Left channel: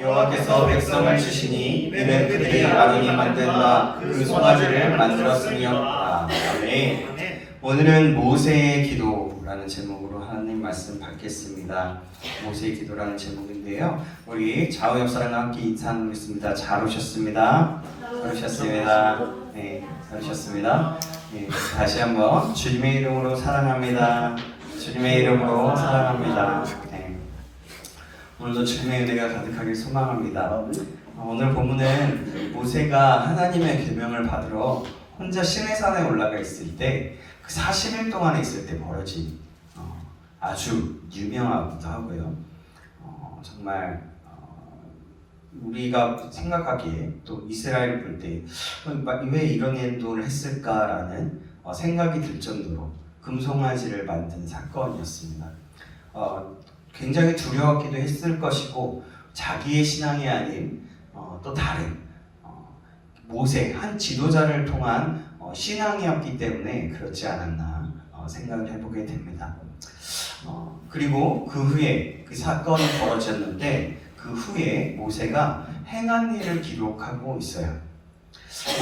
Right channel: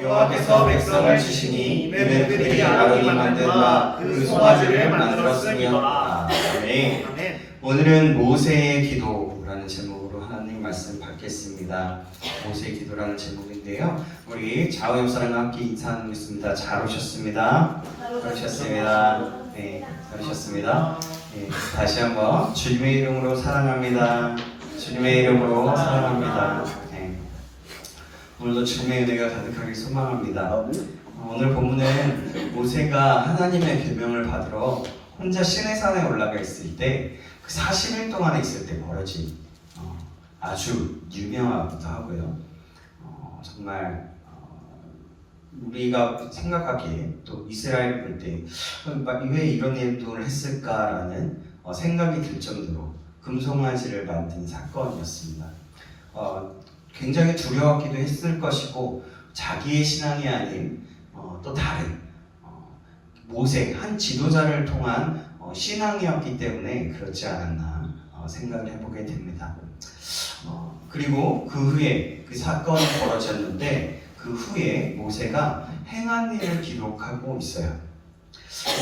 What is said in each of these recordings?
여호와께서 백성을 주시니 이는 그들이 아론이 만든 바 그 송아지를 만들었으며. 아멘. 오늘은 모세의 기도라는 제목으로 하나님 말씀 받겠습니다. 모세의 기도라는 제목인데요. 우리 좌우 옆 사람과 함께 인사 나누겠습니다. 잘 오셨습니다. 네, 잘 오셨습니다. 네, 다시 한번 주님의 이름으로 사랑합니다. 주님의 이름으로 사랑합니다. 네. 오늘도 주님의 은혜가 가득하길 소망합니다. 오늘 본문은 모세가 하나님의 계명을 받으러 혼자 시내산에 올라가 있을 때 그 40일 동안에 있을 때 벌어진 아주 유명하기도 하고요. 정말 우리가 생각하기에 또 이스라엘 볼 때 왜 이런 행동을 했을까라는 생각이 들 정도로 금송아지를 만든 사건이었습니다. 굉장히 두려웠기도 했을 것이고 자기의 신앙이 아닌 또 다른 모세 한 지도자를 통한 신앙이었기 때문에 그렇지 않았나 생각을 해보게 됩니다. 그리고 그 후에 그 사건이 벌어졌는데 그 후에 모세가 행한 일을 기록하고 있어요.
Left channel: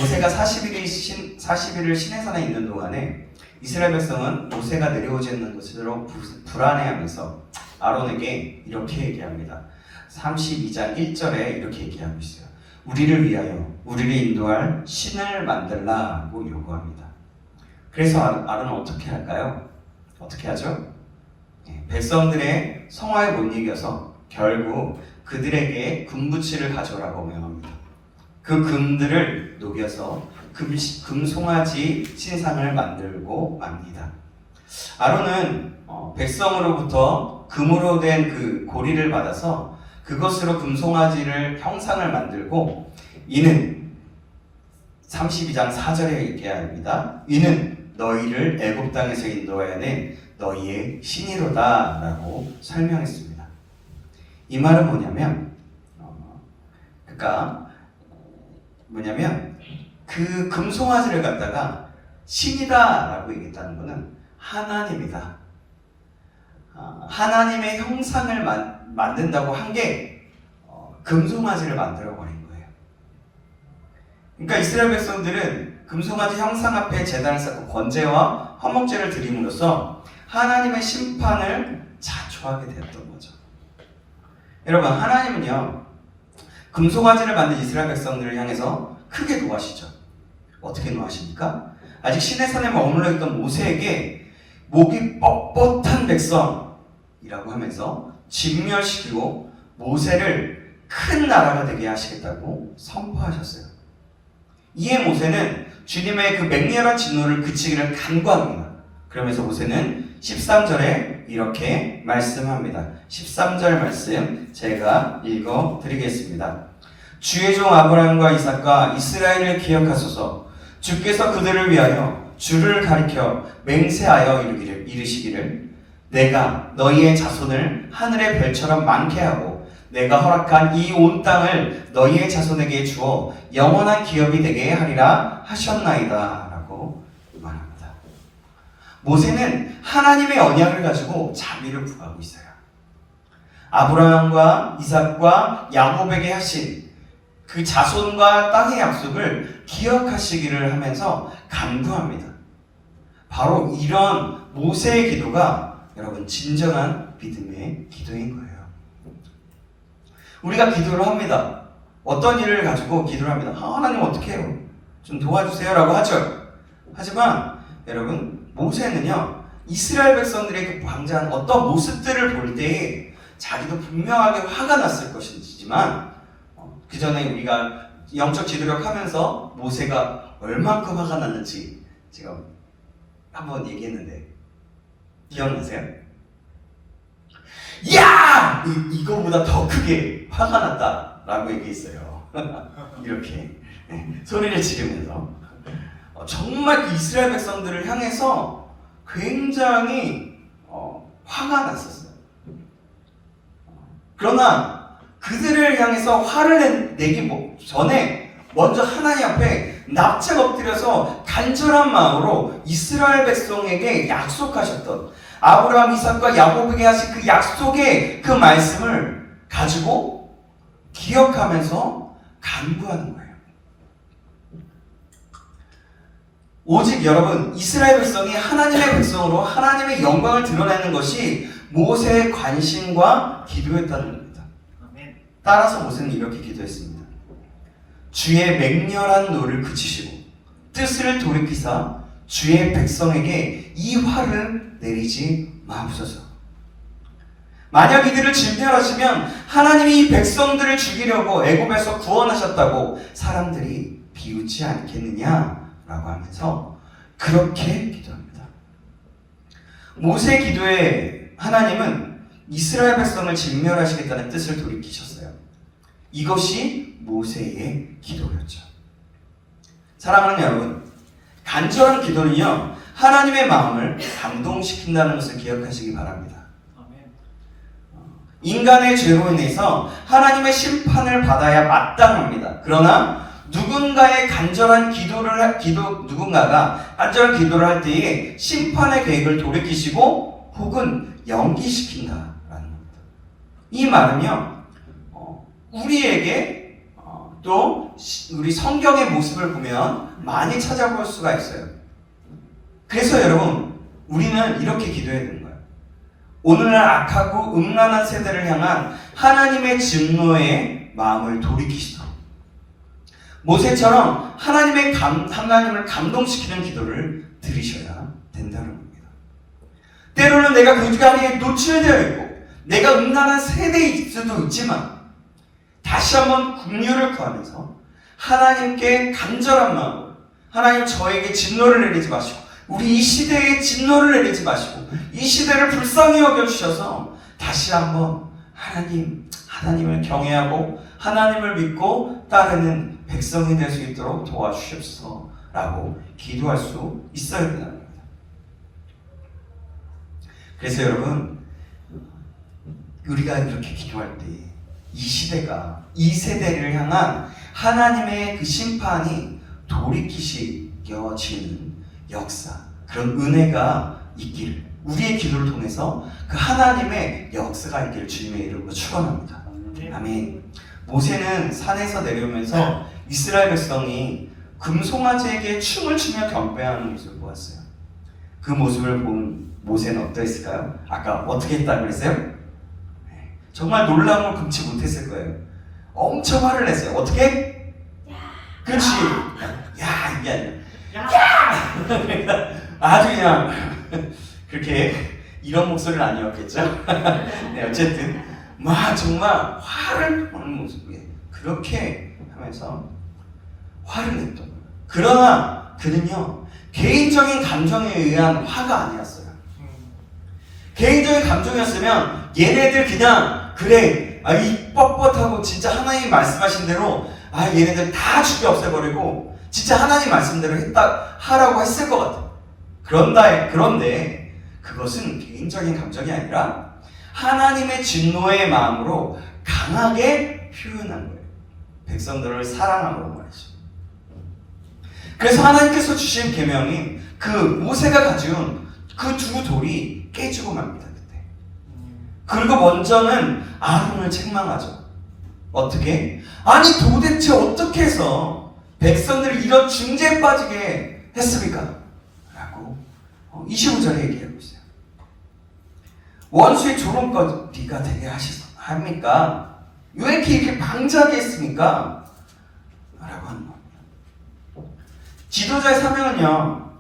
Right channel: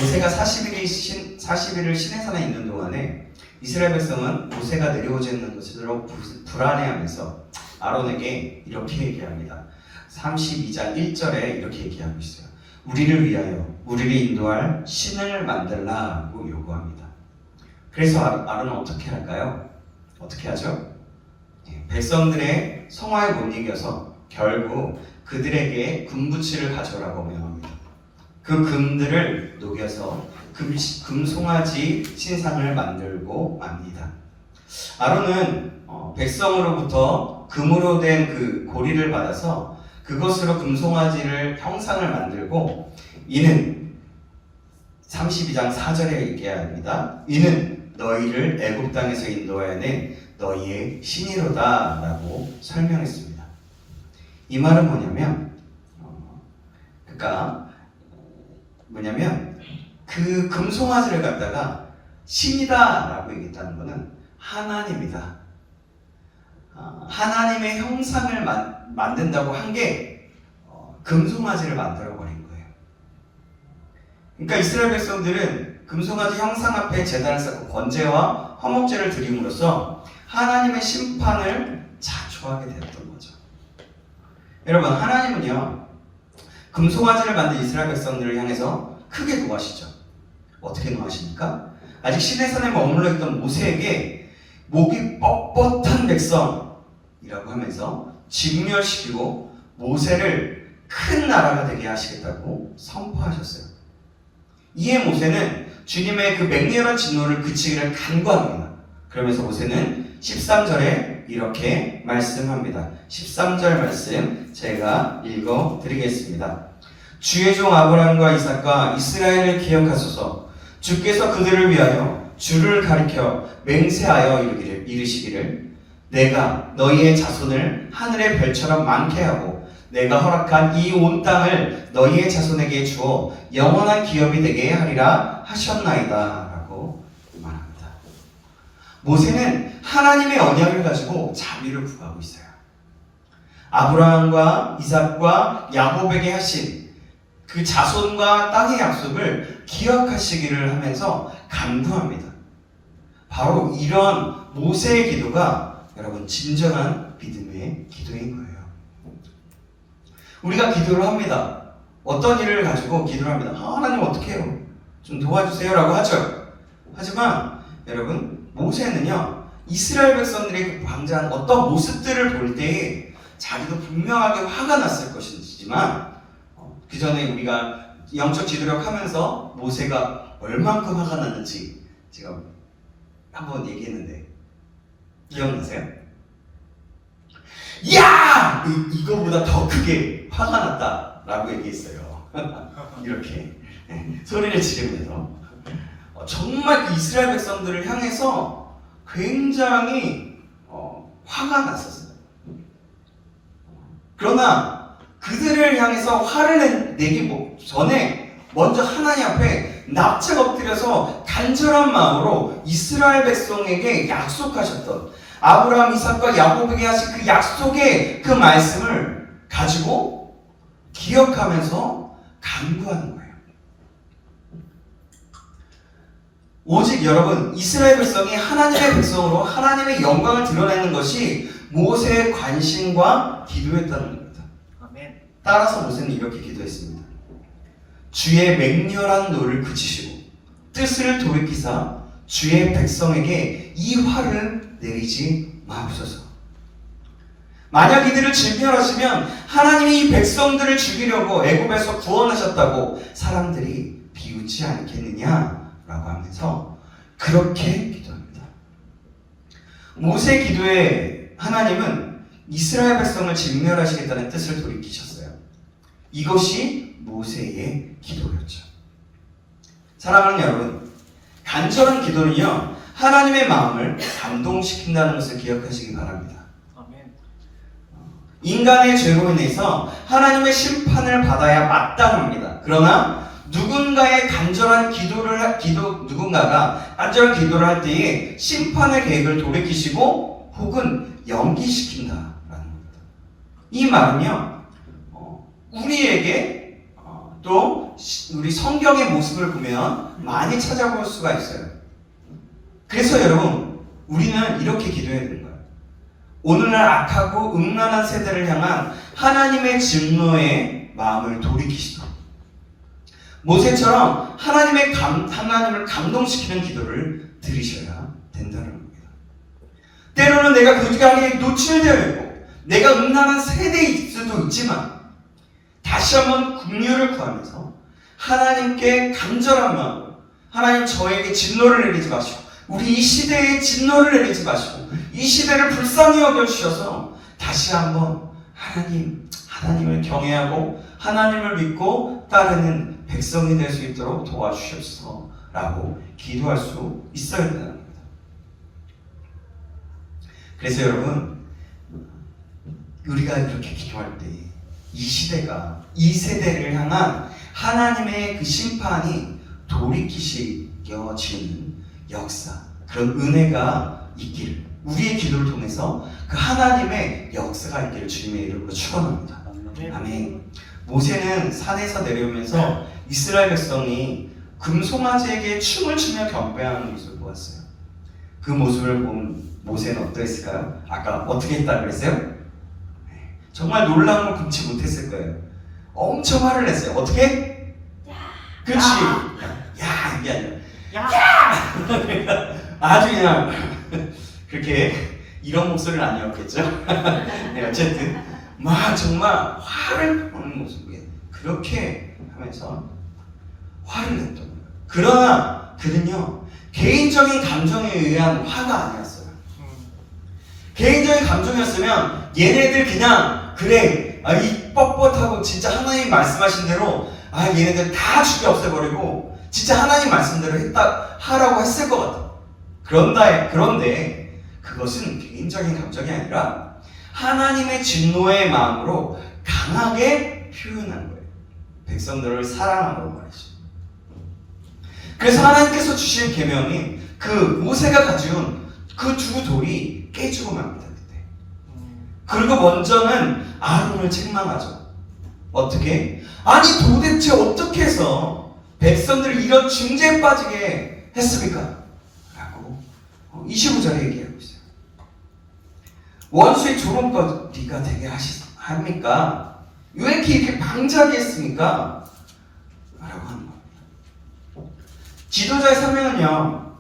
모세가 40일을 시내산에 있는 동안에 이스라엘 백성은 모세가 내려오지는 것으로 불안해하면서 아론에게 이렇게 얘기합니다. 32장 1절에 이렇게 얘기하고 있어요. 우리를 위하여 우리를 인도할 신을 만들라고 요구합니다. 그래서 아론은 어떻게 할까요? 어떻게 하죠? 백성들의 성화에 못 이겨서 결국 그들에게 금붙이를 가져오라고 명합니다. 그 금들을 녹여서 금송아지 신상을 만들고 맙니다. 아론은 백성으로부터 금으로 된 그 고리를 받아서 그것으로 금송아지를 형상을 만들고 이는 32장 4절에 얘기합니다. 이는 너희를 애굽 땅에서 인도하여 너희의 신이로다 라고 설명했습니다. 이 말은 뭐냐면 그 금송아지를 갖다가 신이다 라고 얘기했다는 것은 하나님이다. 하나님의 형상을 만든다고 한 게 금송아지를 만들어버린 거예요. 그러니까 이스라엘 백성들은 금송아지 형상 앞에 제단을 쌓고 번제와 화목제를 드림으로써 하나님의 심판을 자초하게 되었던 거죠. 여러분, 하나님은요 금송아지를 만든 이스라엘 백성들을 향해서 크게 노하시죠. 어떻게 노하십니까? 아직 시내산에 머물러 있던 모세에게 목이 뻣뻣한 백성이라고 하면서 진멸시키고 모세를 큰 나라가 되게 하시겠다고 선포하셨어요. 이에 모세는 주님의 그 맹렬한 진노를 그치기를 간구합니다. 그러면서 모세는 13절에 이렇게 말씀합니다. 13절 말씀 제가 읽어드리겠습니다. 주의 종 아브라함과 이삭과 이스라엘을 기억하소서. 주께서 그들을 위하여 주를 가리켜 맹세하여 이르시기를 내가 너희의 자손을 하늘의 별처럼 많게 하고 내가 허락한 이 온 땅을 너희의 자손에게 주어 영원한 기업이 되게 하리라 하셨나이다 라고 말합니다. 모세는 하나님의 언약을 가지고 자비를 구하고 있어요. 아브라함과 이삭과 야곱에게 하신 그 자손과 땅의 약속을 기억하시기를 하면서 간구합니다. 바로 이런 모세의 기도가 여러분 진정한 믿음의 기도인 거예요. 우리가 기도를 합니다. 어떤 일을 가지고 기도를 합니다. 하나님 어떻게 해요? 좀 도와주세요 라고 하죠. 하지만 여러분 모세는요 이스라엘 백성들의 방자한 어떤 모습들을 볼 때에 자기도 분명하게 화가 났을 것이지만 그 전에 우리가 영적 지도력 하면서 모세가 얼만큼 화가 났는지 제가 한번 얘기했는데 기억나세요? 야! 이거보다 더 크게 화가 났다 라고 얘기했어요. 이렇게 소리를 지르면서 정말 그 이스라엘 백성들을 향해서 굉장히 화가 났었어요. 그러나 그들을 향해서 화를 내기 전에 먼저 하나님 앞에 납작 엎드려서 간절한 마음으로 이스라엘 백성에게 약속하셨던 아브라함, 이삭과 야곱에게 하신 그 약속의 그 말씀을 가지고 기억하면서 간구하는 거예요. 오직 여러분, 이스라엘 백성이 하나님의 백성으로 하나님의 영광을 드러내는 것이 모세의 관심과 기도였다는 겁니다. 따라서 모세는 이렇게 기도했습니다. 주의 맹렬한 노를 그치시고 뜻을 돌이키사 주의 백성에게 이 화를 내리지 마옵소서. 만약 이들을 진멸하시면 하나님이 이 백성들을 죽이려고 애굽에서 구원하셨다고 사람들이 비웃지 않겠느냐라고 하면서 그렇게 기도합니다. 모세의 기도에 하나님은 이스라엘 백성을 진멸하시겠다는 뜻을 돌이키셨어요. 이것이 모세의 기도였죠. 사랑하는 여러분, 간절한 기도는요, 하나님의 마음을 감동시킨다는 것을 기억하시기 바랍니다. 인간의 죄로 인해서 하나님의 심판을 받아야 마땅합니다. 그러나 누군가가 간절한 기도를 할 때에 심판의 계획을 돌이키시고 혹은 연기시킨다라는 겁니다. 이 말은요, 우리에게 또 우리 성경의 모습을 보면 많이 찾아볼 수가 있어요. 그래서 여러분, 우리는 이렇게 기도해야 되는 거예요. 오늘날 악하고 음란한 세대를 향한 하나님의 진노의 마음을 돌이키시고 모세처럼 하나님을 감동시키는 기도를 드리셔야 된다는 겁니다. 때로는 내가 그 자리에 노출되어 있고 내가 음란한 세대일 수도 있지만 다시 한번 긍휼을 구하면서 하나님께 간절한 마음으로 하나님 저에게 진노를 내리지 마시고 우리 이 시대에 진노를 내리지 마시고 이 시대를 불쌍히 여겨주셔서 다시 한번 하나님을 경외하고 하나님을 믿고 따르는 백성이 될 수 있도록 도와주셔서 라고 기도할 수 있어야 된다는 겁니다. 그래서 여러분, 우리가 이렇게 기도할 때 이 시대가 이 세대를 향한 하나님의 그 심판이 돌이키시겨지는 역사, 그런 은혜가 있기를, 우리의 기도를 통해서 그 하나님의 역사가 있기를 주님의 이름으로 축원합니다. 아멘. 모세는 산에서 내려오면서 이스라엘 백성이 금송아지에게 춤을 추며 경배하는 모습을 보았어요. 그 모습을 본 모세는 어떠했을까요? 아까 어떻게 했다고 그랬어요? 정말 놀라움을 금치 못했을 거예요. 엄청 화를 냈어요. 어떻게? 그렇지. 야, 이게 아니라 야! 아주 그냥 그렇게 이런 목소리는 아니었겠죠. 네, 어쨌든 막 정말 화를 내는 모습이에요. 그렇게 하면서 화를 냈던 거예요. 그러나 그는요, 개인적인 감정에 의한 화가 아니었어요. 개인적인 감정이었으면 얘네들 그냥 그래, 이 뻣뻣하고 진짜 하나님 말씀하신 대로 얘네들 다 죽여 없애버리고 진짜 하나님 말씀대로 하라고 했을 것 같아. 그런데 그것은 개인적인 감정이 아니라 하나님의 진노의 마음으로 강하게 표현한 거예요. 백성들을 사랑하고 말이죠. 그래서 하나님께서 주신 계명이 그 모세가 가져온 그 두 돌이 깨지고 맙니다. 그때. 그리고 먼저는 아론을 책망하죠. 어떻게? 아니 도대체 어떻게 해서 백성들을 이런 중죄에 빠지게 했습니까? 라고 25절에 얘기하고 있어요. 원수의 조롱거리가 되게 합니까? 왜 이렇게 방자하게 했습니까? 라고 하는 겁니다. 지도자의 사명은요,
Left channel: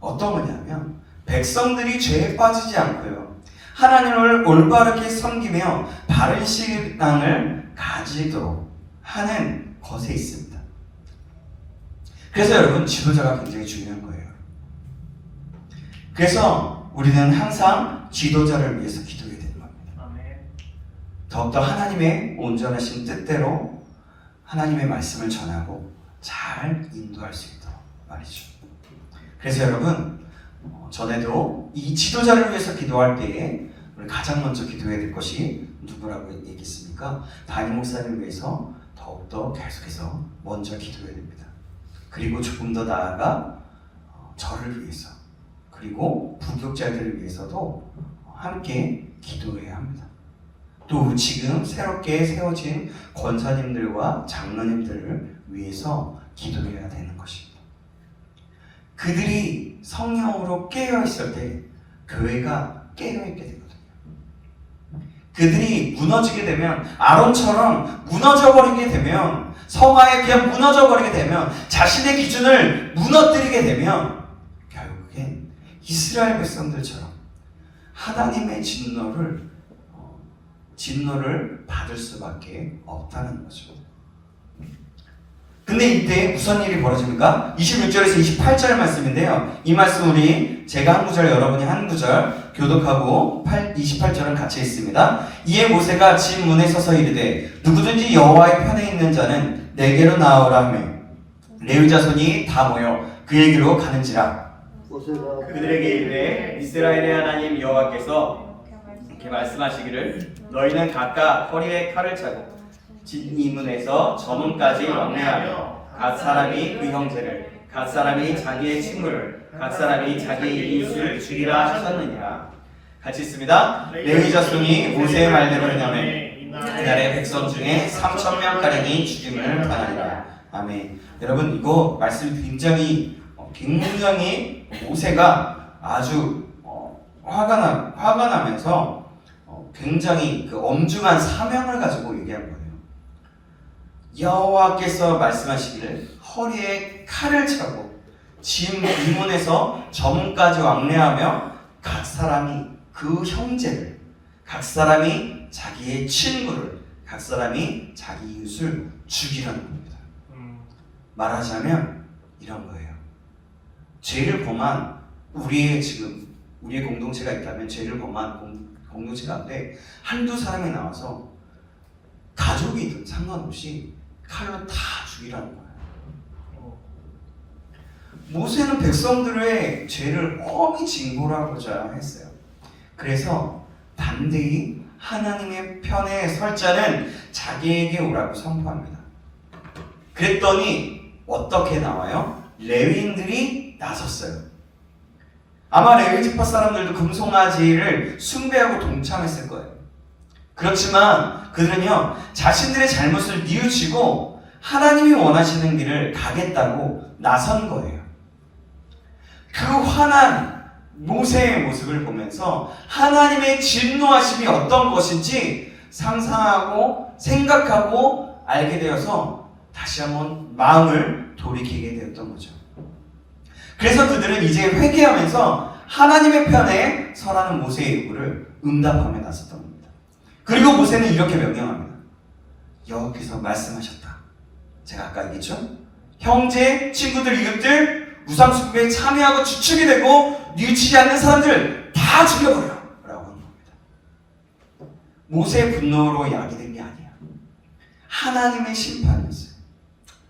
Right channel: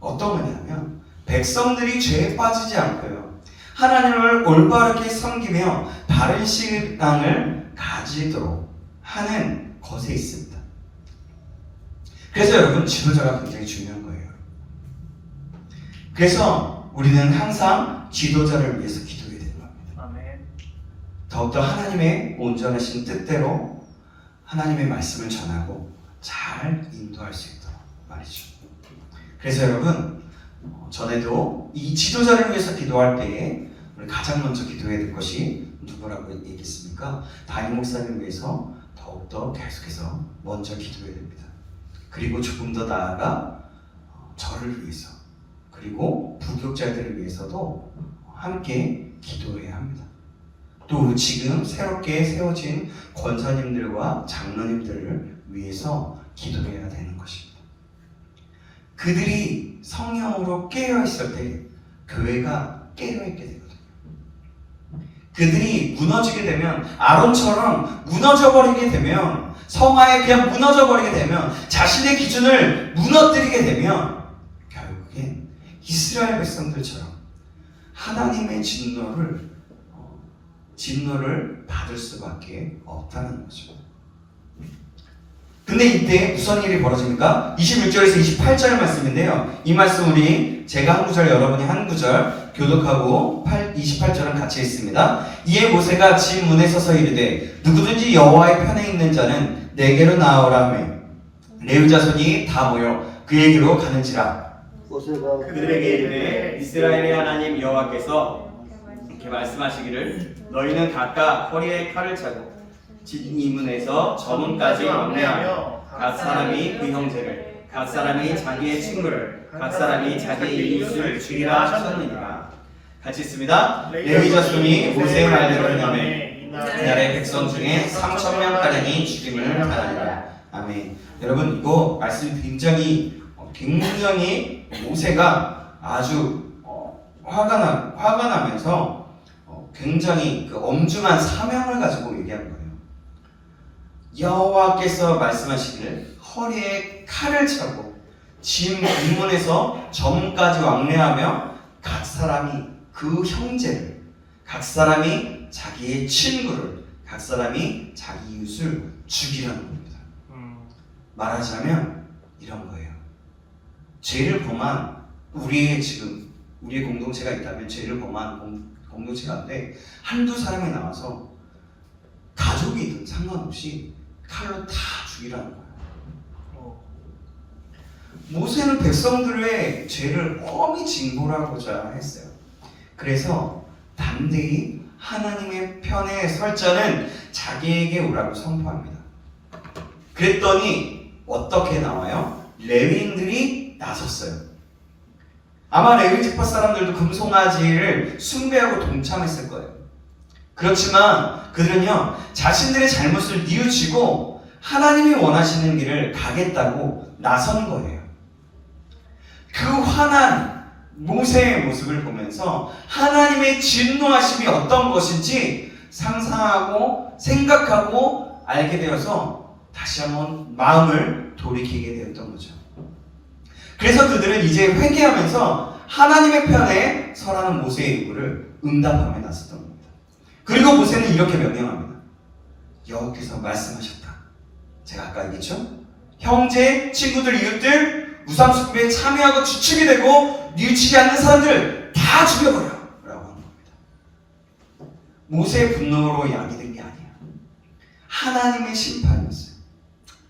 어떤 거냐면 백성들이 죄에 빠지지 않고요, 하나님을 올바르게 섬기며 바른 신앙을 가지도록 하는 것에 있습니다. 그래서 여러분, 지도자가 굉장히 중요한 거예요. 그래서 우리는 항상 지도자를 위해서 기도해야 되는 겁니다. 더욱더 하나님의 온전하신 뜻대로 하나님의 말씀을 전하고 잘 인도할 수 있도록 말이죠. 그래서 여러분, 전에도 이 지도자를 위해서 기도할 때에 우리 가장 먼저 기도해야 될 것이 누구라고 얘기했습니까? 담임 목사님을 위해서 더욱더 계속해서 먼저 기도해야 됩니다. 그리고 조금 더 나아가 저를 위해서, 그리고 부교육자들을 위해서도 함께 기도해야 합니다. 또 지금 새롭게 세워진 권사님들과 장로님들을 위해서 기도해야 되는 것입니다. 그들이 성령으로 깨어있을 때 교회가 깨어있게 되거든요. 그들이 무너지게 되면, 아론처럼 무너져버리게 되면, 성화에 그냥 무너져버리게 되면, 자신의 기준을 무너뜨리게 되면 결국엔 이스라엘 백성들처럼 하나님의 진노를 받을 수밖에 없다는 거죠. 근데 이때 무슨 일이 벌어집니까? 26절에서 28절 말씀인데요. 이 말씀 제가 한 구절, 여러분이 한 구절 교독하고 28절은 같이 있습니다. 이에 모세가 진 문에 서서 이르되 누구든지 여호와의 편에 있는 자는 내게로 나오라 하며 레위 자손이 다 모여 그에게로 가는지라. 그들에게 이르되 이스라엘의 하나님 여호와께서 이렇게 말씀하시기를 너희는 각각 허리에 칼을 차고 진 이문에서 저문까지 왕래하며 각 사람이 그 형제를, 각 사람이 자기의 친구를, 각 사람이 자기의 이웃을 죽이라 하셨느니라. 같이 있습니다. 레위 자손이 모세의 말대로 행하매 그날의 백성 중에 3,000명가량이 죽임을 당하리라. 아멘. 여러분, 이거 말씀 굉장히 모세가 아주 화가 나면서 굉장히 그 엄중한 사명을 가지고 얘기한 거예요. 여호와께서 말씀하시기를 허리에 칼을 차고 진 이문에서 저문까지 왕래하며 각 사람이 그 형제를, 각 사람이 자기의 친구를, 각 사람이 자기 이웃을 죽이라는 겁니다. 말하자면 이런 거예요. 죄를 범한 우리의 공동체가 있다면 죄를 범한 공동체가 한데 한두 사람이 나와서 가족이든 상관없이 칼로 다 죽이라는 거예요. 모세는 백성들의 죄를 엄히 징벌하고자 했어요. 그래서 담대히 하나님의 편에 설 자는 자기에게 오라고 선포합니다. 그랬더니 어떻게 나와요? 레위인들이 나섰어요. 아마 레위 지파 사람들도 금송아지를 숭배하고 동참했을 거예요. 그렇지만 그들은요, 자신들의 잘못을 뉘우치고 하나님이 원하시는 길을 가겠다고 나선 거예요. 그 화난 모세의 모습을 보면서 하나님의 진노하심이 어떤 것인지 상상하고 생각하고 알게 되어서 다시 한번 마음을 돌이키게 되었던 거죠. 그래서 그들은 이제 회개하면서 하나님의 편에 서라는 모세의 요구를 응답하며 나섰던 겁니다. 그리고 모세는 이렇게 명령합니다. 여호와께서 말씀하셨다. 제가 아까 얘기했죠? 형제, 친구들, 이웃들, 우상숭배에 참여하고 주축이 되고 뉘우치지 않는 사람들 다 죽여버려 라고 하는 겁니다. 모세의 분노로 야기된 게 아니야. 하나님의 심판이 있어요.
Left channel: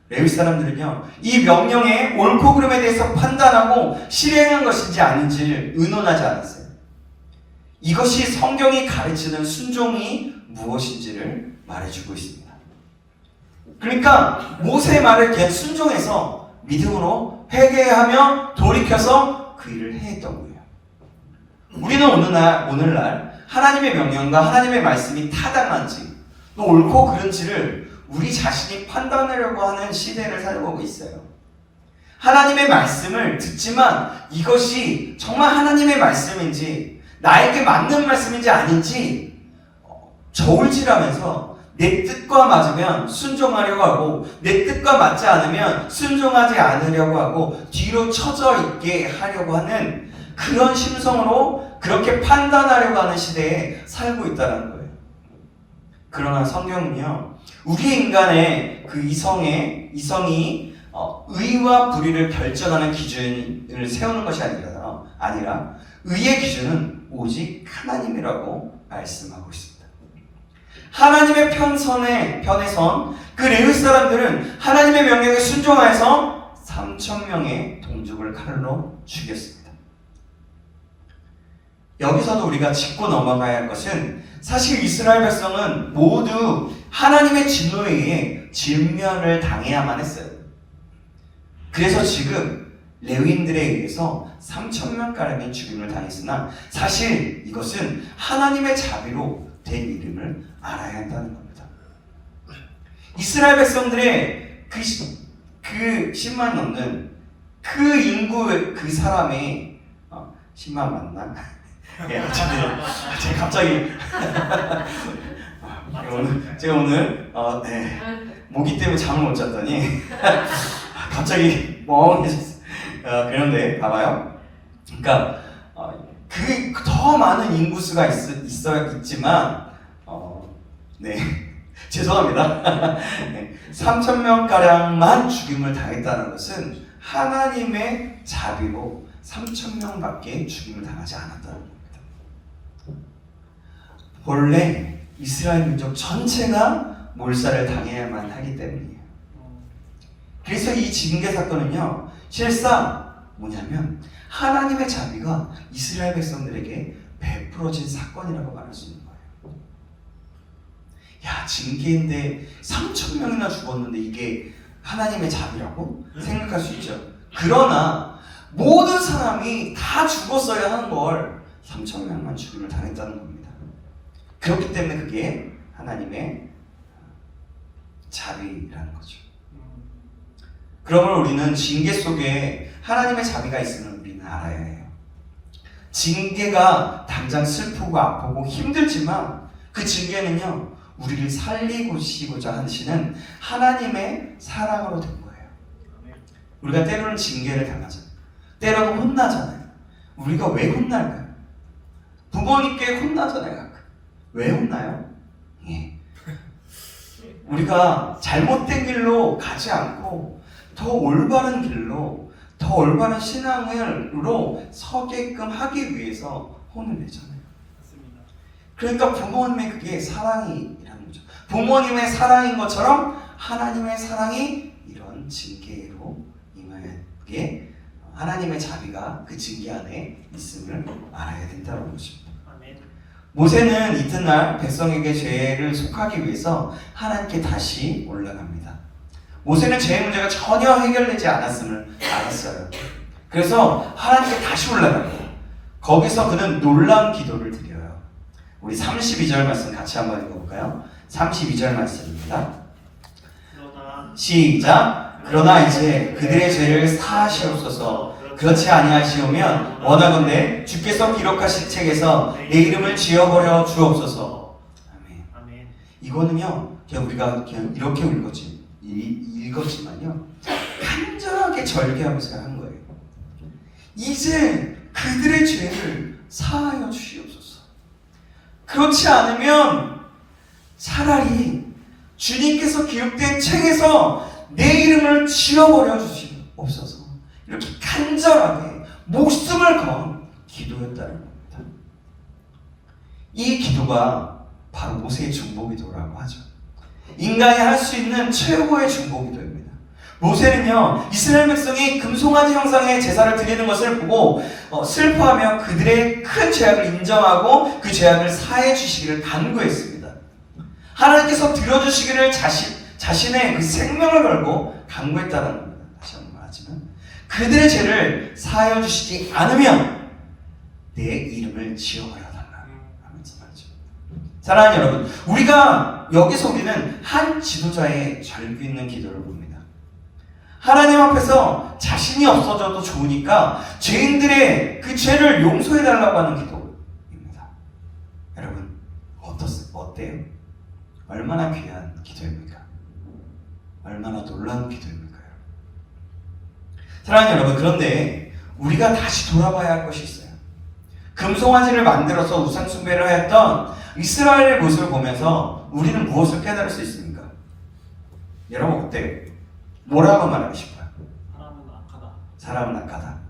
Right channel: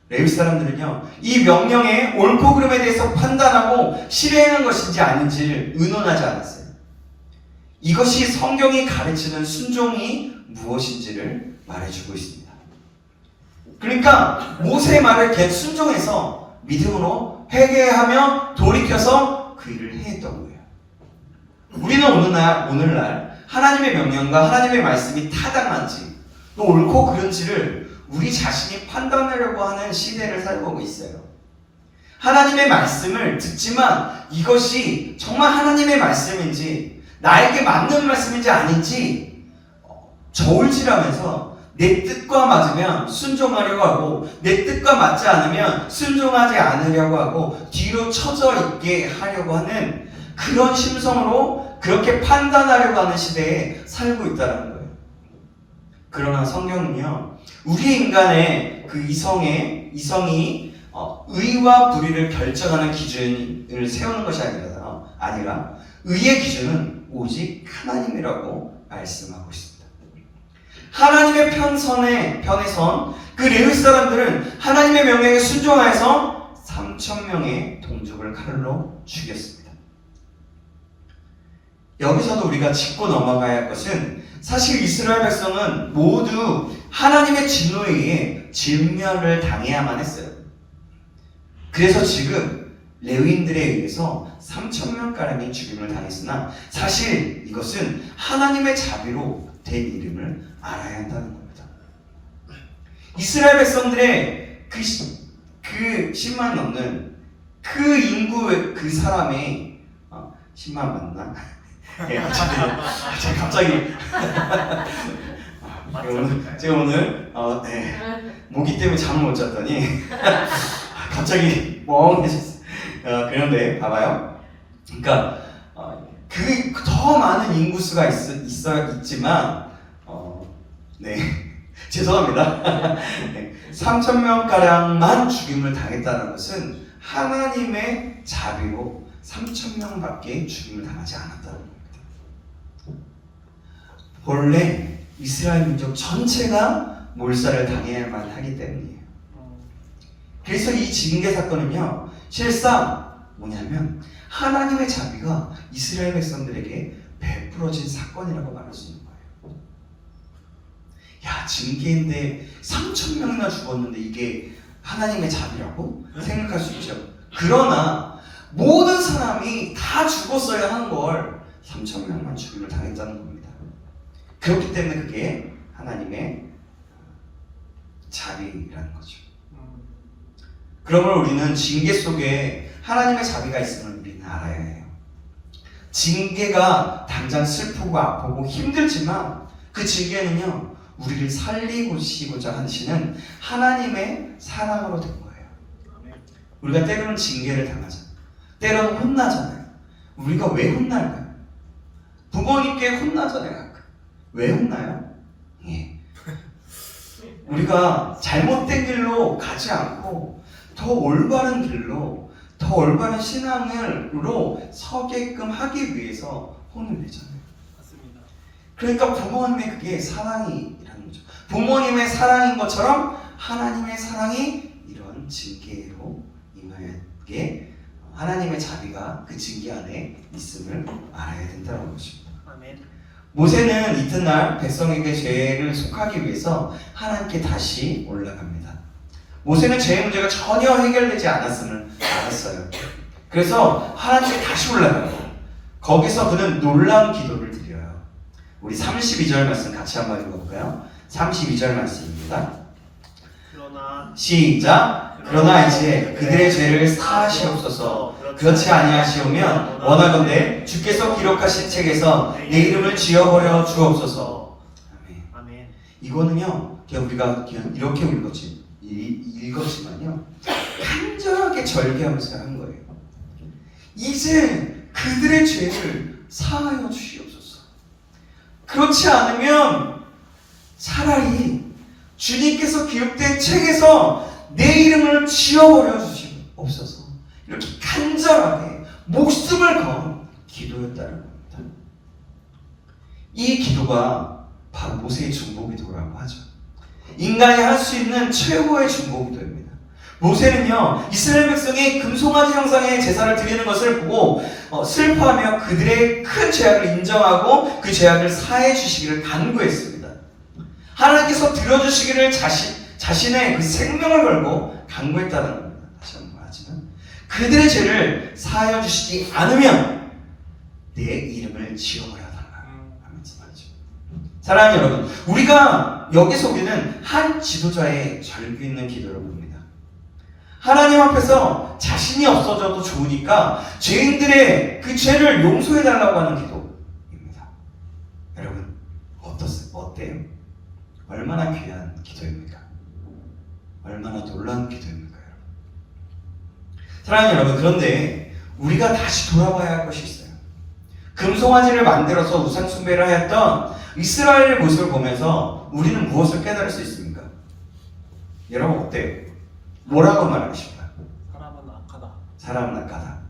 레위 사람들은요, 이 명령의 옳고 그름에 대해서 판단하고 실행한 것인지 아닌지를 의논하지 않았어요. 이것이 성경이 가르치는 순종이 무엇인지를 말해주고 있습니다. 그러니까 모세의 말을 그냥 순종해서 믿음으로 회개하며 돌이켜서 그 일을 해했던 거예요. 우리는 오늘날 하나님의 명령과 하나님의 말씀이 타당한지 또 옳고 그른지를 우리 자신이 판단하려고 하는 시대를 살고 있어요. 하나님의 말씀을 듣지만 이것이 정말 하나님의 말씀인지 나에게 맞는 말씀인지 아닌지 저울질하면서 내 뜻과 맞으면 순종하려고 하고 내 뜻과 맞지 않으면 순종하지 않으려고 하고 뒤로 처져 있게 하려고 하는 그런 심성으로 그렇게 판단하려고 하는 시대에 살고 있다는 거예요. 그러나 성경은요, 우리 인간의 그 이성이 의와 불의를 결정하는 기준을 세우는 것이 아니라 의의 기준은 오직 하나님이라고 말씀하고 있습니다. 하나님의 편에 선 그 레위 사람들은 하나님의 명령에 순종하여서 3,000명의 동족을 칼로 죽였습니다. 여기서도 우리가 짚고 넘어가야 할 것은 사실 이스라엘 백성은 모두 하나님의 진노에 의해 진멸을 당해야만 했어요. 그래서 지금 레위인들에 의해서 3,000명가량이 죽임을 당했으나 사실 이것은 하나님의 자비로 된 이름을 알아야 한다는 겁니다. 이스라엘 백성들의 그 10만 넘는 그 인구 그 사람의 10만 맞나? 네, 제가 갑자기 제가 오늘 모기 때문에 잠을 못 잤더니 갑자기 멍해졌어요. 그런데 봐봐요. 그러니까 그 더 많은 인구수가 있지만 네 죄송합니다. 네, 3,000명 가량만 죽임을 당했다는 것은 하나님의 자비로 3,000명밖에 죽임을 당하지 않았다는 겁니다. 원래 이스라엘 민족 전체가 몰살을 당해야만 하기 때문이에요. 그래서 이 징계 사건은요, 실상 뭐냐면 하나님의 자비가 이스라엘 백성들에게 베풀어진 사건이라고 말할 수 있는 거예요. 야, 징계인데 3,000명이나 죽었는데 이게 하나님의 자비라고 생각할 수 있죠. 그러나 모든 사람이 다 죽었어야 하는 걸 3,000명만 죽임을 당했다는 겁니다. 그렇기 때문에 그게 하나님의 자비라는 거죠. 그러므로 우리는 징계 속에 하나님의 자비가 있음을 우리는 알아야 해요. 징계가 당장 슬프고 아프고 힘들지만 그 징계는요, 우리를 살리고자 하시는 하나님의 사랑으로 된 거예요. 우리가 때로는 징계를 당하잖아요. 때로는 혼나잖아요. 우리가 왜 혼날까요? 부모님께 혼나잖아요. 가끔. 왜 혼나요? 예. 우리가 잘못된 길로 가지 않고 더 올바른 길로, 더 올바른 신앙으로 서게끔 하기 위해서 혼을 내잖아요. 맞습니다. 그러니까 부모님의 그게 사랑이라는 거죠. 부모님의 사랑인 것처럼 하나님의 사랑이 이런 징계로 임하게 하나님의 자비가 그 징계 안에 있음을 알아야 된다는 것입니다. 아멘. 모세는 이튿날 백성에게 죄를 속하기 위해서 하나님께 다시 올라갑니다. 모세는 죄의 문제가 전혀 해결되지 않았음을 알았어요. 그래서 하나님께 다시 올라가고 거기서 그는 놀라운 기도를 드려요. 우리 32절 말씀 같이 한번 읽어볼까요? 32절 말씀입니다. 시작. 그러나 이제 그들의 죄를 사하시옵소서. 그렇지 아니하시오면 원하건대 주께서 기록하신 책에서 내 이름을 지워버려 주옵소서. 아멘. 아멘. 이거는요, 우리가 그냥 이렇게 읽었지만요, 간절하게 절개하면서 하는 거예요. 이제 그들의 죄를 사하여 주시옵소서. 그렇지 않으면 차라리 주님께서 기록된 책에서 내 이름을 지워버려 주시옵소서. 이렇게 간절하게 목숨을 건 기도였다는 겁니다. 이 기도가 바로 모세의 중보기도라고 하죠. 인간이 할 수 있는 최고의 중보기도입니다. 모세는요, 이스라엘 백성이 금송아지 형상의 제사를 드리는 것을 보고 슬퍼하며 그들의 큰 죄악을 인정하고 그 죄악을 사해 주시기를 간구했습니다. 하나님께서 들어주시기를 자신의 그 생명을 걸고 간구했다는 겁니다. 다시 한번 말하지만 그들의 죄를 사하여 주시지 않으면 내 이름을 지워버려달라 말씀하죠. 사랑하는 여러분, 여기서 우리는 한 지도자의 절규 있는 기도를 봅니다. 하나님 앞에서 자신이 없어져도 좋으니까 죄인들의 그 죄를 용서해달라고 하는 기도입니다. 여러분, 어때요? 얼마나 귀한 기도입니까? 얼마나 놀라운 기도입니까? 사랑하는 여러분, 그런데 우리가 다시 돌아봐야 할 것이 있어요. 금송아지를 만들어서 우상 숭배를 하였던 이스라엘의 모습을 보면서 우리는 무엇을 깨달을 수 있습니까? 여러분 어때요? 뭐라고 말하고 싶어요? 사람은 악하다. 사람은 악하다.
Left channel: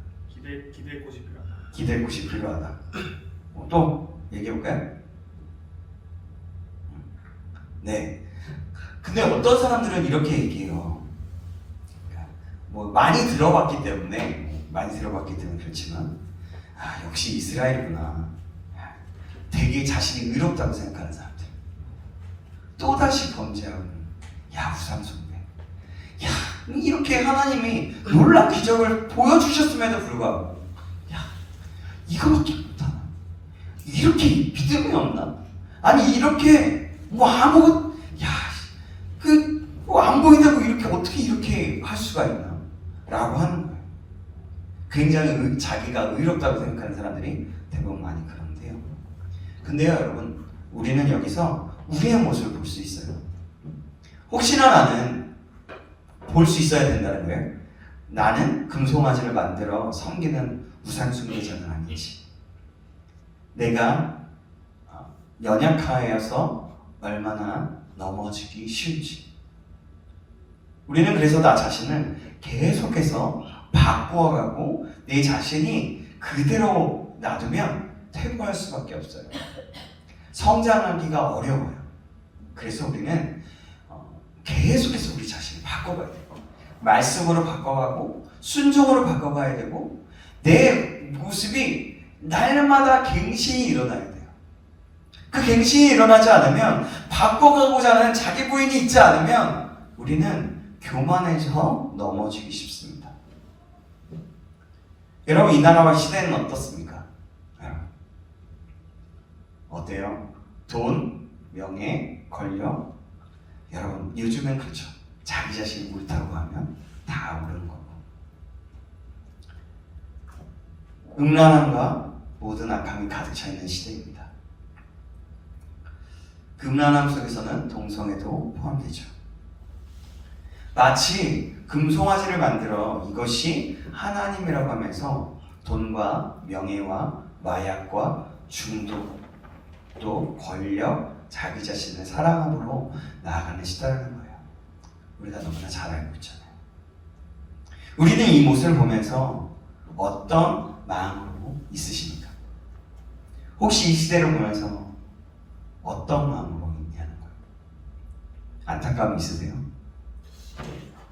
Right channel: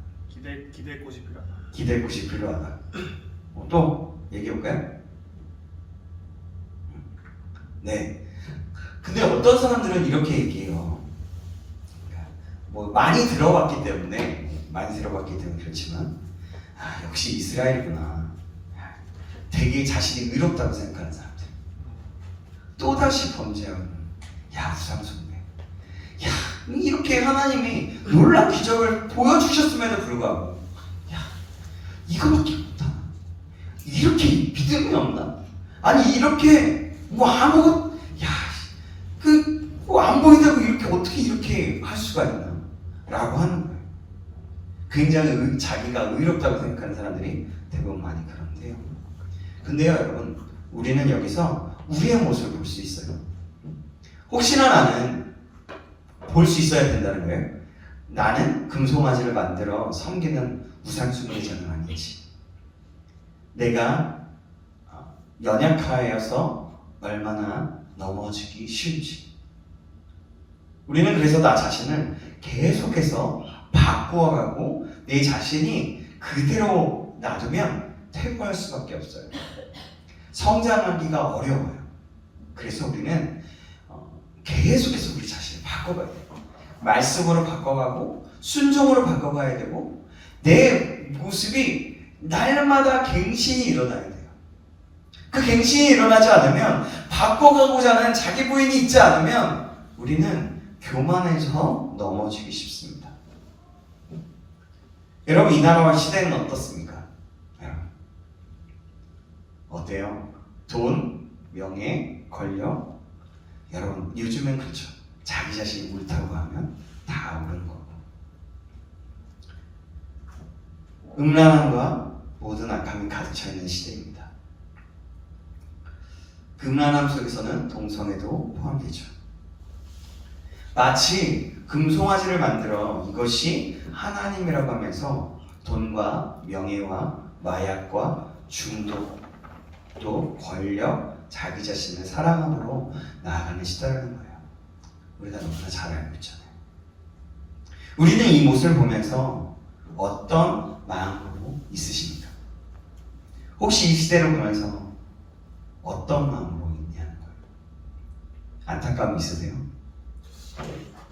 기댈 곳이 필요하다. 기댈 곳이 필요하다. 또 얘기해볼까요? 네. 근데 어떤 사람들은 이렇게 얘기해요. 뭐 많이 들어봤기 때문에 그렇지만 역시 이스라엘이구나. 되게 자신이 의롭다고 생각하는 사람들. 또다시 범죄하는 우상숭배. 이렇게 하나님이 놀라운 기적을 보여주셨음에도 불구하고 야 이거밖에 못하나? 이렇게 믿음이 없나? 아니 이렇게 뭐 아무것 야그뭐 안 보이다고 이렇게 어떻게 이렇게 할 수가 있나? 라고 하는 거예요. 굉장히 자기가 의롭다고 생각하는 사람들이 대부분 많이 그런데요. 근데요 여러분 우리는 여기서 우리의 모습을 볼 수 있어요. 혹시나 나는 볼 수 있어야 된다는 거예요. 나는 금송아지를 만들어 섬기는 우상숭배자는 아니지. 내가 연약하여서 얼마나 넘어지기 쉬운지. 우리는 그래서 나 자신을 계속해서 바꾸어가고 내 자신이 그대로 놔두면 퇴보할 수밖에 없어요. 성장하기가 어려워요. 그래서 우리는 계속해서 우리 자신을 바꿔가야 돼요. 말씀으로 바꿔가고 순종으로 바꿔가야 되고 내 모습이 날마다 갱신이 일어나야 돼요. 그 갱신이 일어나지 않으면 바꿔가고자 하는 자기 부인이 있지 않으면 우리는 교만해져 넘어지기 쉽습니다. 여러분 이 나라와 시대는 어떻습니까? 어때요? 돈, 명예, 권력 여러분 요즘엔 그렇죠. 자기 자신이 옳다고 하면 다 옳은 거고 음란함과 모든 악함이 가득 차 있는 시대입니다. 그 음란함 속에서는 동성애도 포함되죠. 마치 금송아지를 만들어 이것이 하나님이라고 하면서 돈과 명예와 마약과 중독 또 권력, 자기 자신을 사랑함으로 나아가는 시대라는 거예요. 우리가 너무나 잘 알고 있잖아요. 우리는 이 모습을 보면서 어떤 마음으로 있으십니까? 혹시 이 시대를 보면서 어떤 마음으로 있냐는 거예요. 안타까움 있으세요?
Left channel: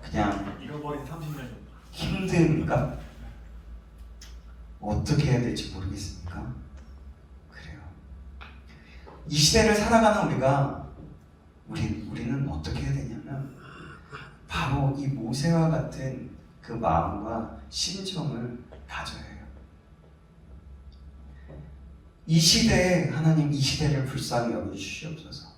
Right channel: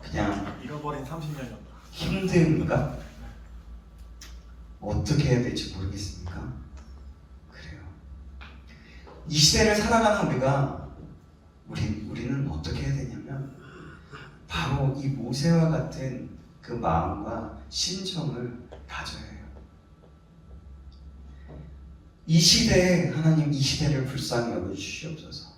그냥 잃어버린 30년이었다. 힘듭니까? 어떻게 해야 될지 모르겠습니까? 그래요. 이 시대를 살아가는 우리는 어떻게 해야 되냐면 바로 이 모세와 같은 그 마음과 심정을 가져야 해요. 이 시대에 하나님 이 시대를 불쌍히 여겨주시옵소서.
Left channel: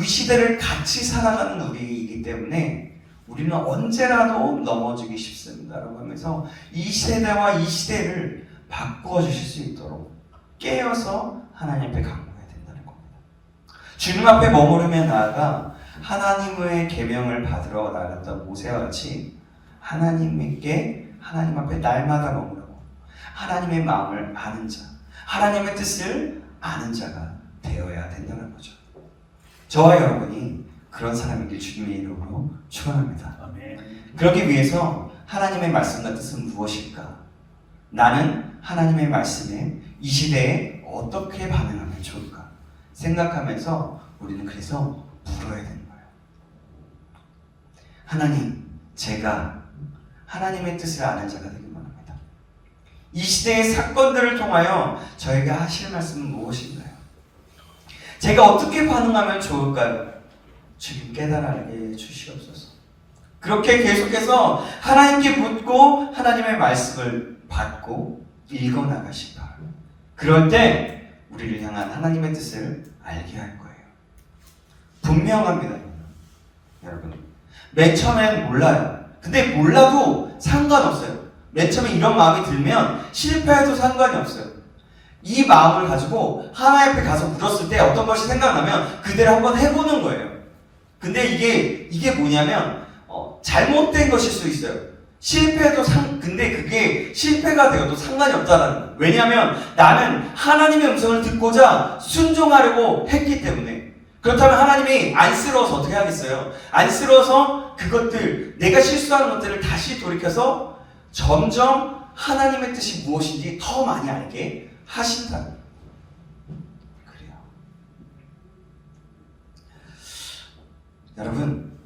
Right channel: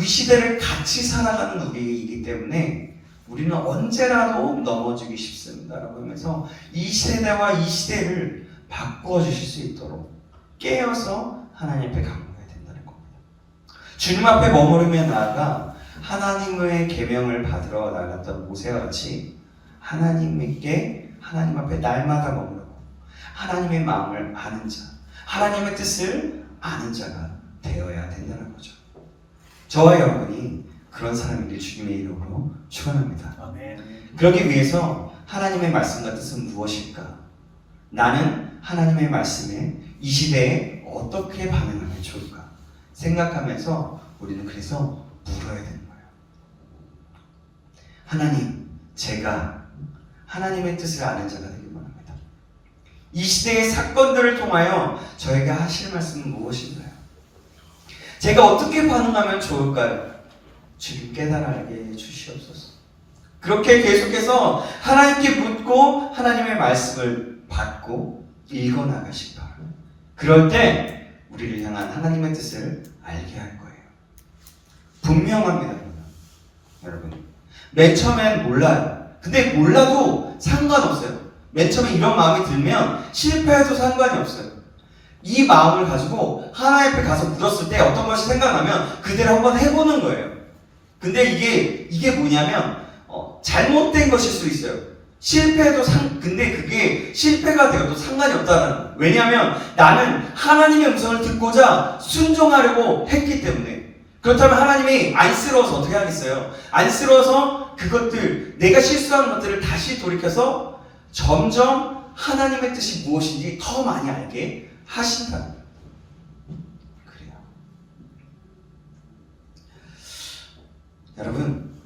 이 시대를 같이 살아가는 우리이기 때문에 우리는 언제라도 넘어지기 쉽습니다라고 하면서 이 세대와 이 시대를 바꾸어 주실 수 있도록 깨어서 하나님 앞에 강구해야 된다는 겁니다. 주님 앞에 머무르며 나아가 하나님의 계명을 받으러 나갔던 모세와 같이 하나님께 하나님 앞에 날마다 머무르고 하나님의 마음을 아는 자, 하나님의 뜻을 아는 자가 되어야 된다는 거죠. 저와 여러분이 그런 사람이길 주님의 이름으로 축원합니다. 아멘. 그러기 위해서 하나님의 말씀과 뜻은 무엇일까? 나는 하나님의 말씀에 이 시대에 어떻게 반응하면 좋을까? 생각하면서 우리는 그래서 물어야 되는 거예요. 하나님, 제가 하나님의 뜻을 아는 자가 되길 원합니다. 이 시대의 사건들을 통하여 저에게 하실 말씀은 무엇인가요? 제가 어떻게 반응하면 좋을까요? 주님 깨달아게 주시옵소서. 그렇게 계속해서 하나님께 묻고 하나님의 말씀을 받고 읽어나가시기 바랍니다. 그럴 때 우리를 향한 하나님의 뜻을 알게 할 거예요. 분명합니다. 여러분 맨 처음엔 몰라요. 근데 몰라도 상관없어요. 맨 처음에 이런 마음이 들면 실패해도 상관이 없어요. 이 마음을 가지고 하나님 앞에 가서 물었을 때 어떤 것이 생각나면 그대로 한번 해보는 거예요. 근데 이게 뭐냐면 잘못된 것일 수 있어요. 실패도 근데 그게 실패가 되어도 상관이 없다는 거예요. 왜냐하면 나는 하나님의 음성을 듣고자 순종하려고 했기 때문에. 그렇다면 하나님이 안쓰러워서 어떻게 하겠어요? 안쓰러워서 그것들 내가 실수한 것들을 다시 돌이켜서 점점 하나님의 뜻이 무엇인지 더 많이 알게 하신다는 거예요. 그래요. 여러분,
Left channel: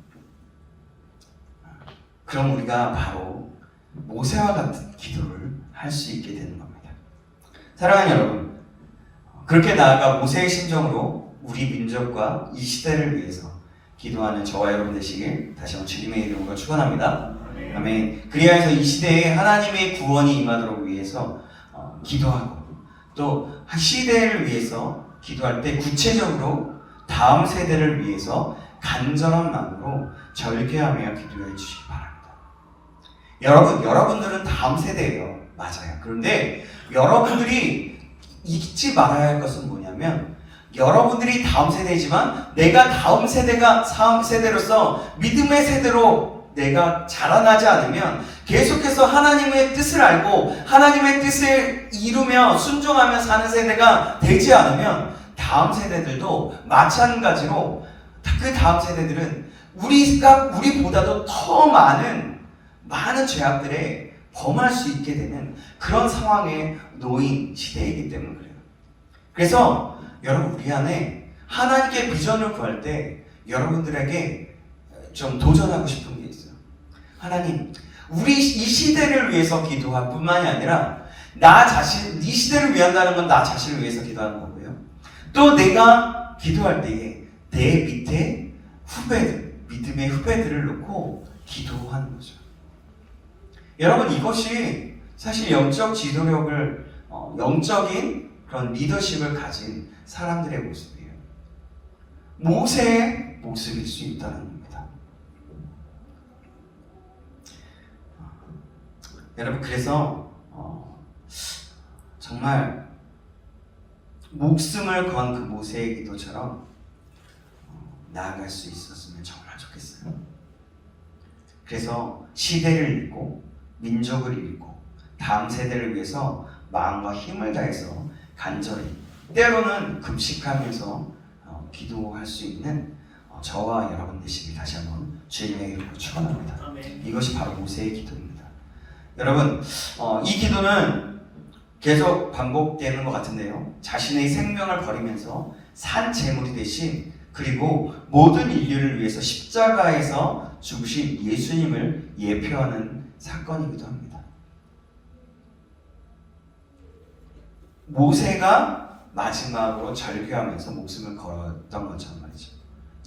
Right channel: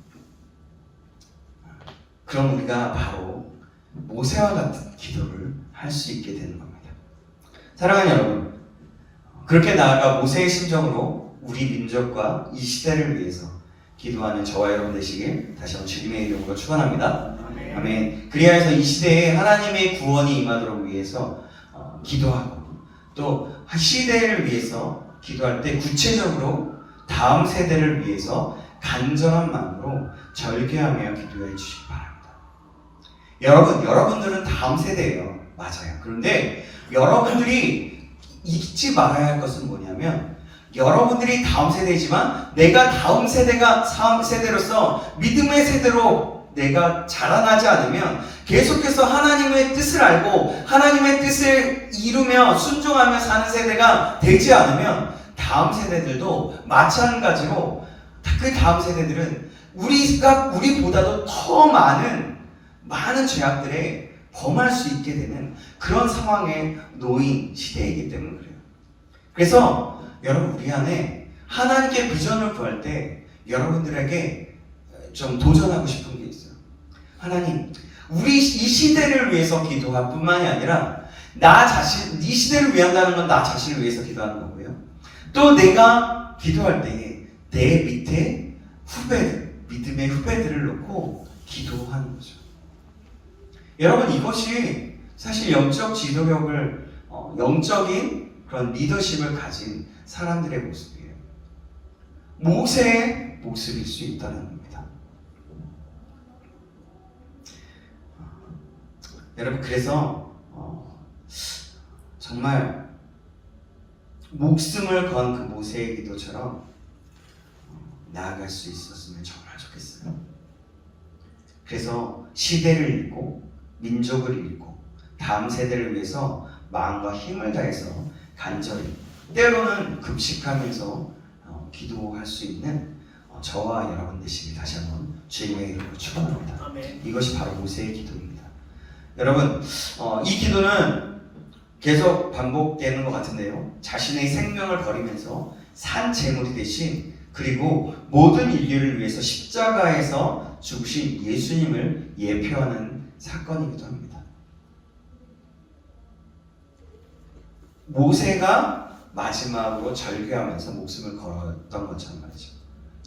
그럼 우리가 바로 모세와 같은 기도를 할 수 있게 되는 겁니다. 사랑하는 여러분, 그렇게 나아가 모세의 심정으로 우리 민족과 이 시대를 위해서 기도하는 저와 여러분 되시길 다시 한번 주님의 이름으로 축원합니다. 아멘. 그리하여서 이 시대에 하나님의 구원이 임하도록 위해서 기도하고 또 시대를 위해서 기도할 때 구체적으로 다음 세대를 위해서 간절한 마음으로 절개하며 기도해 주시기 바랍니다. 여러분들은 다음 세대예요. 맞아요. 그런데 여러분들이 잊지 말아야 할 것은 뭐냐면 여러분들이 다음 세대이지만 내가 다음 세대로서 믿음의 세대로 내가 자라나지 않으면 계속해서 하나님의 뜻을 알고 하나님의 뜻을 이루며 순종하며 사는 세대가 되지 않으면 다음 세대들도 마찬가지로 그 다음 세대들은 우리보다도 더 많은 죄악들에 범할 수 있게 되는 그런 상황에 놓인 시대이기 때문에 그래요. 그래서 여러분 우리 안에 하나님께 비전을 구할 때 여러분들에게 좀 도전하고 싶은 게 있어요. 하나님, 우리 이 시대를 위해서 기도할 뿐만이 아니라 이 시대를 위한다는 건 나 자신을 위해서 기도하는 거고요. 또 내가 기도할 때에 내 밑에 믿음의 후배들을 놓고 기도하는 거죠. 여러분 이것이 사실 영적 지도력을 영적인 그런 리더십을 가진 사람들의 모습이에요. 모세의 모습일 수 있다는 겁니다. 여러분 그래서 정말 목숨을 건 그 모세의 기도처럼 나아갈 수 있었으면 정말 좋겠어요. 그래서 시대를 읽고 민족을 읽고 다음 세대를 위해서 마음과 힘을 다해서 간절히 때로는 급식하면서 기도할 수 있는 저와 여러분 되시길 다시 한번 주님의 이름으로 축원합니다. 이것이 바로 모세의 기도입니다. 여러분 이 기도는 계속 반복되는 것 같은데요. 자신의 생명을 버리면서 산 제물이 되신 그리고 모든 인류를 위해서 십자가에서 죽으신 예수님을 예표하는 사건이기도 합니다. 모세가 마지막으로 절규하면서 목숨을 걸었던 것처럼 말이죠.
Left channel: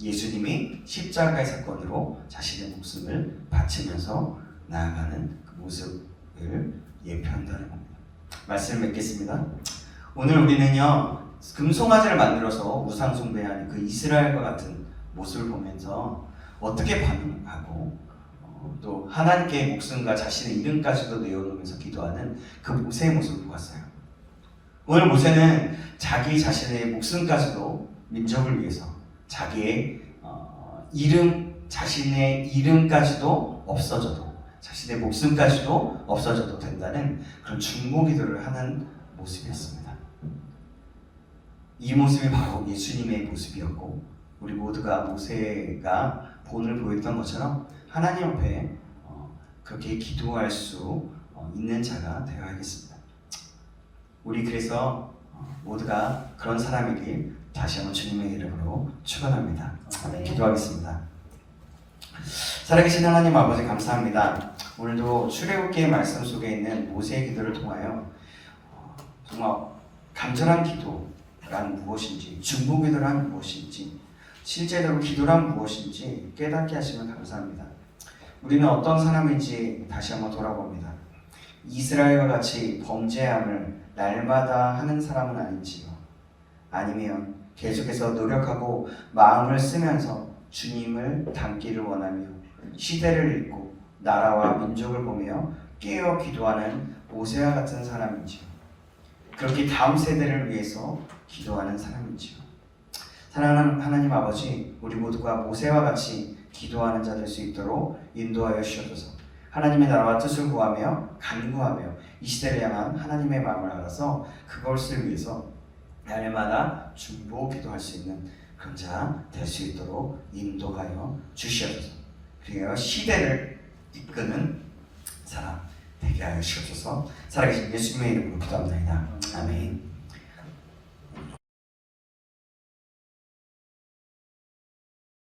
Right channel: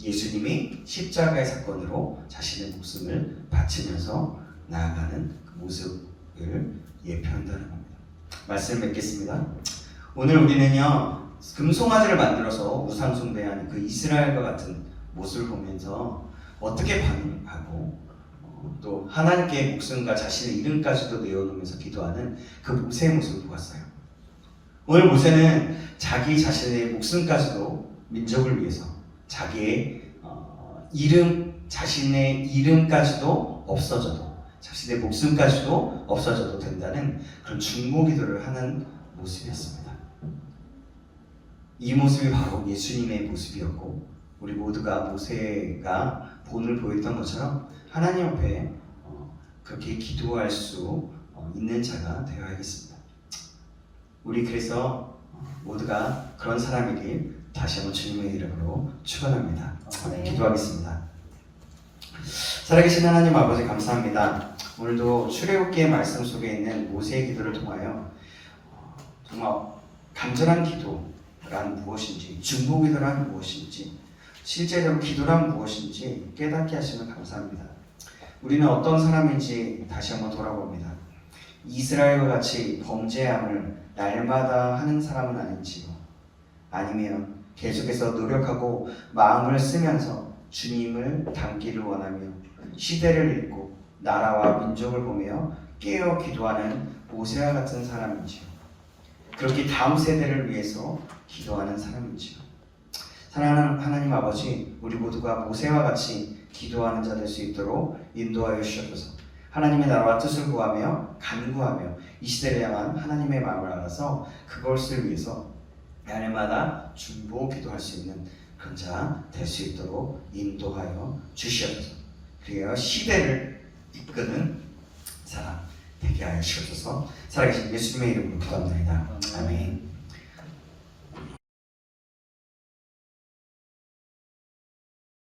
예수님이 십자가의 사건으로 자신의 목숨을 바치면서 나아가는 그 모습을 예표한다는 겁니다. 말씀 맺겠습니다. 오늘 우리는요 금송아지를 만들어서 우상 숭배하는 그 이스라엘과 같은 모습을 보면서 어떻게 반응하고 또 하나님께 목숨과 자신의 이름까지도 내어놓으면서 기도하는 그 모세의 모습을 보았어요. 오늘 모세는 자기 자신의 목숨까지도 민족을 위해서 자기의 자신의 이름까지도 없어져도 자신의 목숨까지도 없어져도 된다는 그런 중보기도를 하는 모습이었습니다. 이 모습이 바로 예수님의 모습이었고 우리 모두가 모세가 본을 보였던 것처럼 하나님 앞에 그렇게 기도할 수 있는 자가 되어야겠습니다. 우리 그래서 모두가 그런 사람이길 다시 한번 주님의 이름으로 축원합니다. 기도하겠습니다. 살아계신 하나님 아버지 감사합니다. 오늘도 출애굽기의 말씀 속에 있는 모세의 기도를 통하여 정말 간절한 기도란 무엇인지, 중보기도란 무엇인지, 실제적으로 기도란 무엇인지 깨닫게 하시면 감사합니다. 우리는 어떤 사람인지 다시 한번 돌아봅니다. 이스라엘과 같이 범죄함을 날마다 하는 사람은 아닌지요? 아니면 계속해서 노력하고 마음을 쓰면서 주님을 닮기를 원하며 시대를 읽고 나라와 민족을 보며 깨어 기도하는 모세와 같은 사람인지요? 그렇게 다음 세대를 위해서 기도하는 사람인지요? 사랑하는 하나님 아버지, 우리 모두가 모세와 같이 기도하는 자 될 수 있도록 인도하여 주셔서 하나님의 나라와 뜻을 구하며 간구하며 이 시대를 향한 하나님의 마음을 알아서 그것을 위해서 날마다 중보 기도할 수 있는 그런 자 될 수 있도록 인도하여 주시옵소서. 그리하여 시대를 이끄는 사람 되게 하여 주옵소서. 살아계신 예수님의 이름으로 기도합니다. 아멘.